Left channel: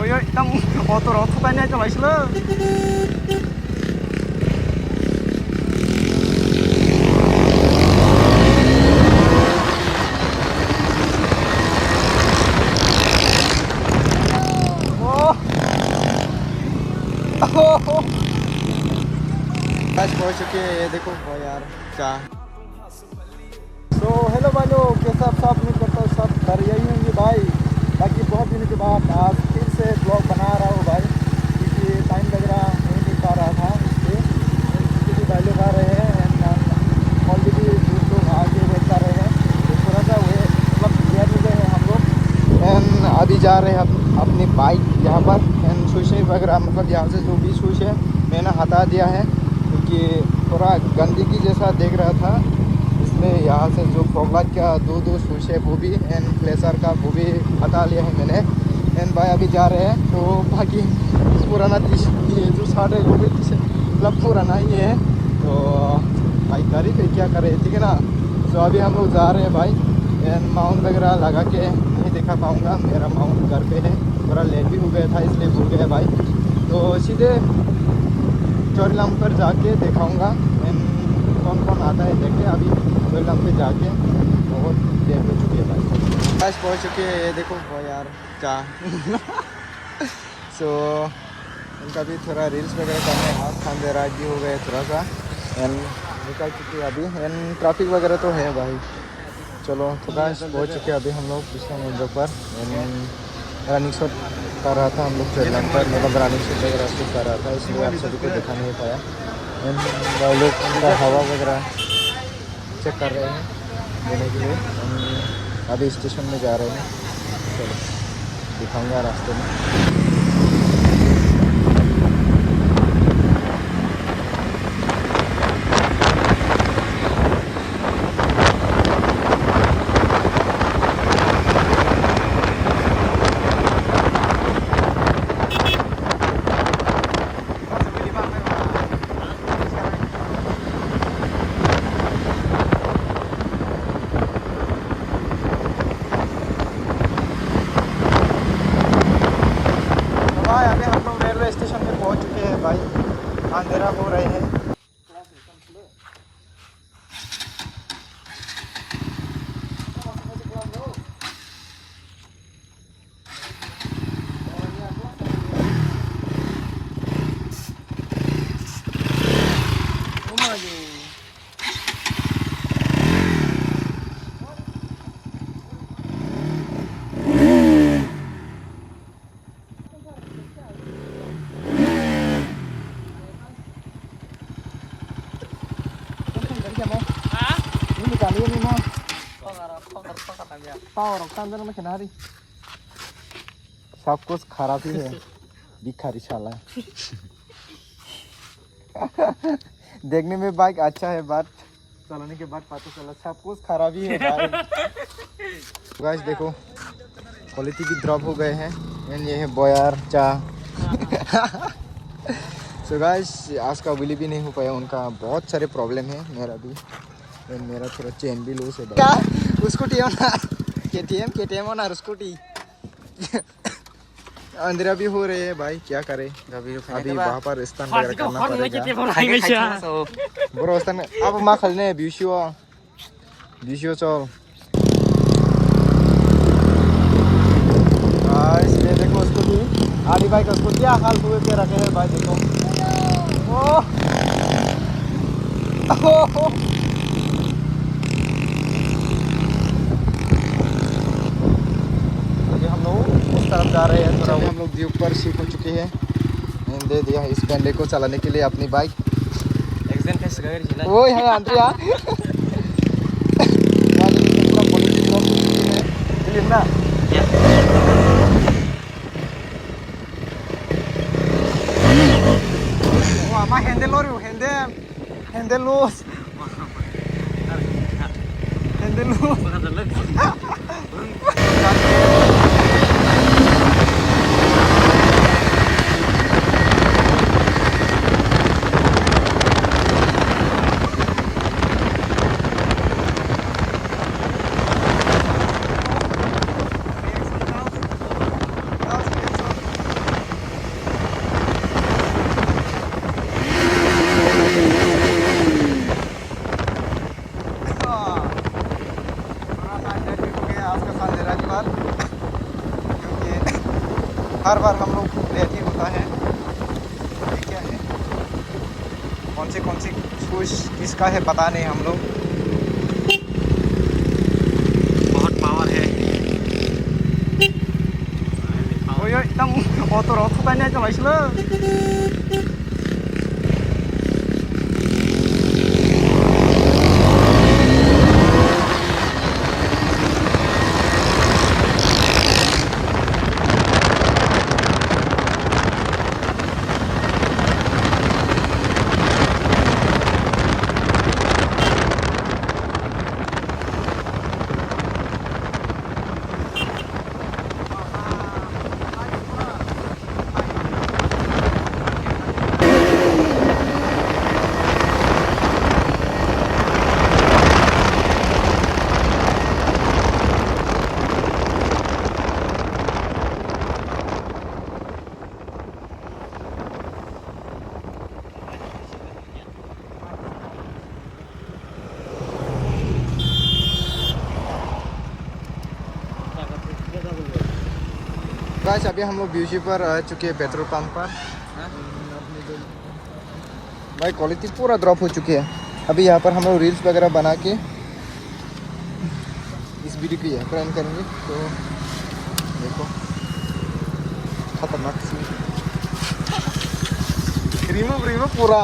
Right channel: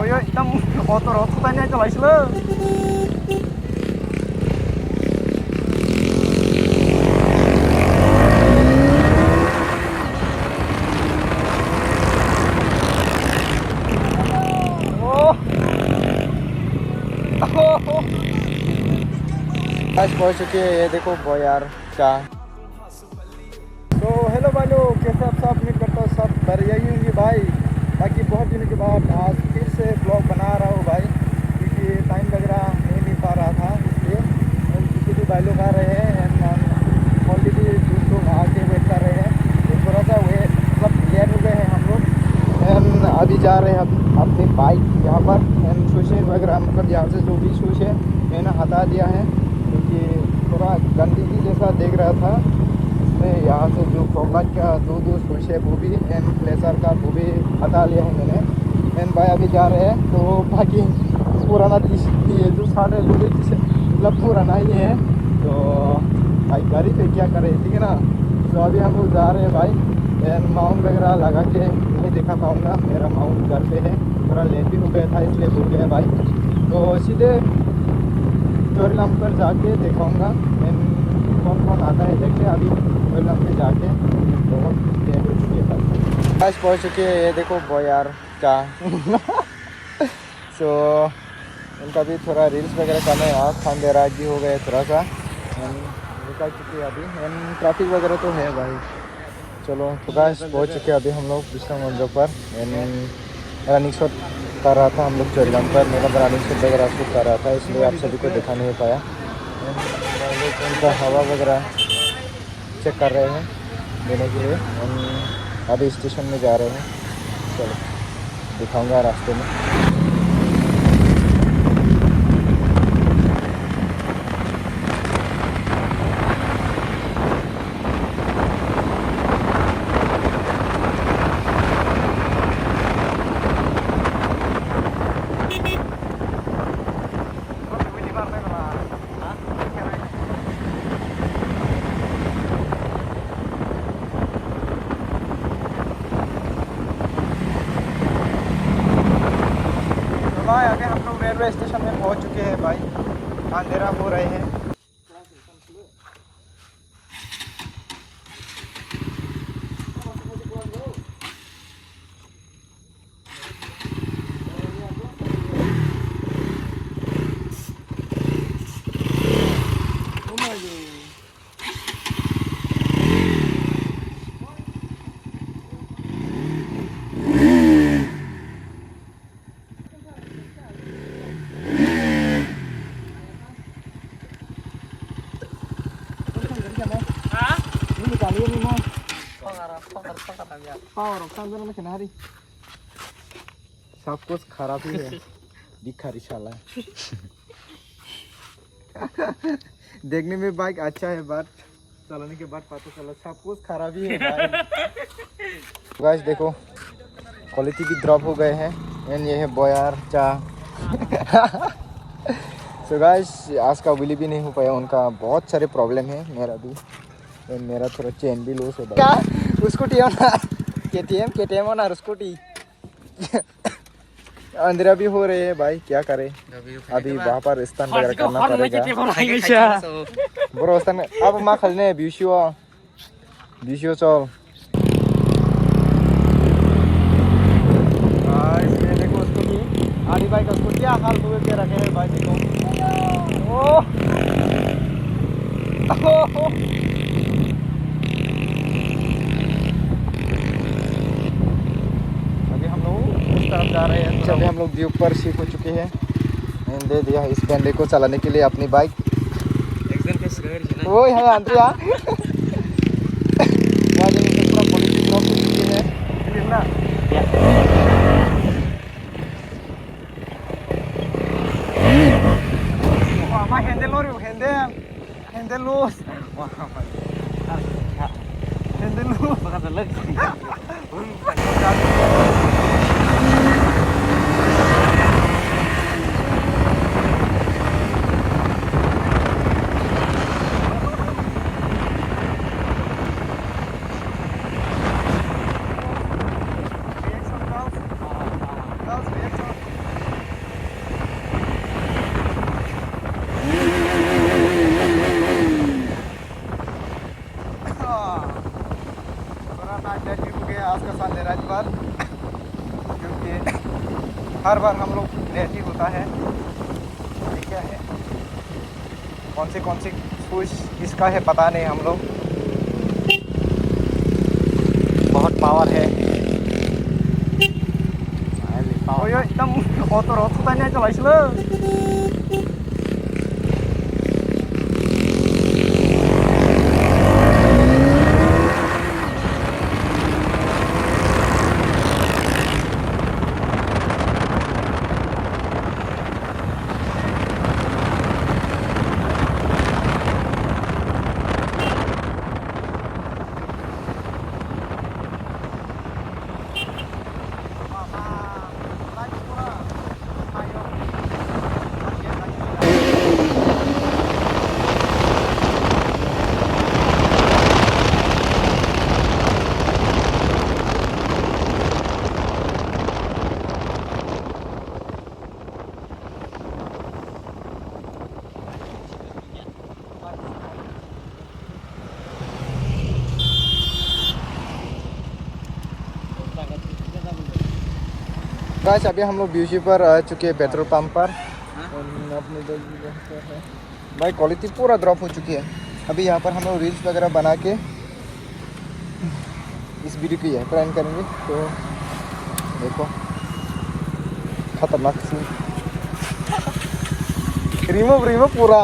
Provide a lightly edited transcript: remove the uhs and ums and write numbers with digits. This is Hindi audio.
Oi, hitam otor tanya aja lah isle. आज पहुंच चुके हैं, ये देखो बॉयार चाह। तो हेलो भाई लोग, कैसे आप सब? उम्मीद करता हूँ सब बढ़िया ही होंगे भाई। बाकी बहुत दिनों के बाद आज फिर से ब्लॉग बना रहा हूँ भाई, क्योंकि टाइम लग रहा नहीं पा रहा था, इसलिए क्योंकि भी भाई लोग आ रहे हैं एंड ऑलरेडी दूर लोग आके वेट कर रहे हैं, तो थोड़ा सा वे मतलब लेट हो गए हैं हम लोग। एंड अभी जा रहे हैं अपनी बाइक यहाँ पर एंड शूज़ वगैरह, मतलब यहाँ से जो भी शूज़ है मैंने हटा दिया है, क्योंकि थोड़ा गंदगी जैसा देख रहा था, इसलिए यहाँ से जो प्रॉब्लम का दो शूज़ है वो भी एंड प्लेसर का वो भी हटा लिया है मैंने। एंड भाई अभी जा रहे हैं, तो बाकी पुराना ये जो शर्ट है वो भी मतलब पुराना ही है, तो भाई गाड़ी पे क्या करे, ठीक है ना। तो अभी हम लोग जा रहे हैं भाई एंड माउंट वगैरह लगा के नहीं दिखा पाऊँगा, मेरा माउंट घर पे है, थोड़ा लेट भी हो गया था इसलिए भूल गए भाई। तो सीधे चोरीलाम पर जाके दिखाऊंगा एंड कौन कौन आता है देखते हैं। अभी चोरीलाम पे जाके बहुत लेट हो चुकी है भाई। आज पहुंच चुके हैं, ये देखो बॉयार चाह। सो उनका भी थोड़ा रील्स वगैरह करना है, आज खानदेराज भी हो गए थोड़ा सा एंड निकल चुके हैं अभी एंड ट्रैफिक वगैरह तो है भाई। चलो तो गाइस पहुंच चुके हैं अभी हम लोग विक्रम मंदिर पर एंड रनिंग शॉट कर रहा था हम लोग चोरीलाम पर, मतलब रनिंग शॉट वगैरह शूट कर रहा था, इसलिए आप सभी को दिखा नहीं पाया। भाई लोग उनका हवा वगैरह चेक कर रहे हैं देने के लिए, हम अभी स्टेशन में जा रहे हैं। चलो दिखाऊंगा रास्ते में। भाई अभी हम लोग रेलवे स्टेशन में पहुंच चुके हैं भाई, अंधेरा हो रहे हैं। सब कुछ खराब ही है, भिखारी साला। देखने में बाइक अच्छा है, बात चलाने के बाद पता चला सब कुछ खराब ही है भाई। गाइस देखो क्वालिटी भी ड्रॉप हो गए हैं एंड ये है बॉयार चाह। सो गाइस आज का बिली भी नहीं हो पाया, उनका बहुत सारे प्रॉब्लम है, मेरा भी एंड मेरा थोड़ा चेन भी लूज है भाई। क्या स्कूटी हो ना, KTM हो ना स्कूटी। अंधेरा भी हो रहे हैं भाई, क्या करे अभी वहाँ पर स्थान वगैरह करना पड़ेगा। बरो स्थान अब मा खालने बिशियो चल। इसलिए देखो स्कूटी आड़ी बाइक का स्कूटी क्या हाल हुए पे रखे हैं भाई, देखो तरफ जा रहे हैं। चलिए हम लोग व्यू पर सीख हो चुके हैं, दे दिया इस बैंडे को चलाने के लिए अपनी बाइक। वो है आंट्रिया पूरा पॉलिटिक ड्रॉप हो चुके हैं ना। वो आमा हैंडल हो रही हैंडल लूज आज बार, क्योंकि हर बार हम लोग लेट ही होता है। ये क्या है, कौन सी शूज किसका है पता नहीं। हम लोग बहुत पावर है। ओयो एकदम ऑटो रथ होता नहीं चलाइसलो। गाइस अभी हम लोग ब्यूजी पर आ चुके हैं, पेट्रोल पंप पर। अपनी भाई क्वालिटी पूरा ड्रॉप हो चुकी है। अभी यहाँ पर हम लोग रील्स वगैरह बना के इस वीडियो की ट्रेंड करेंगे। तो देखो खतरनाक सीन, रिमूव पूरा।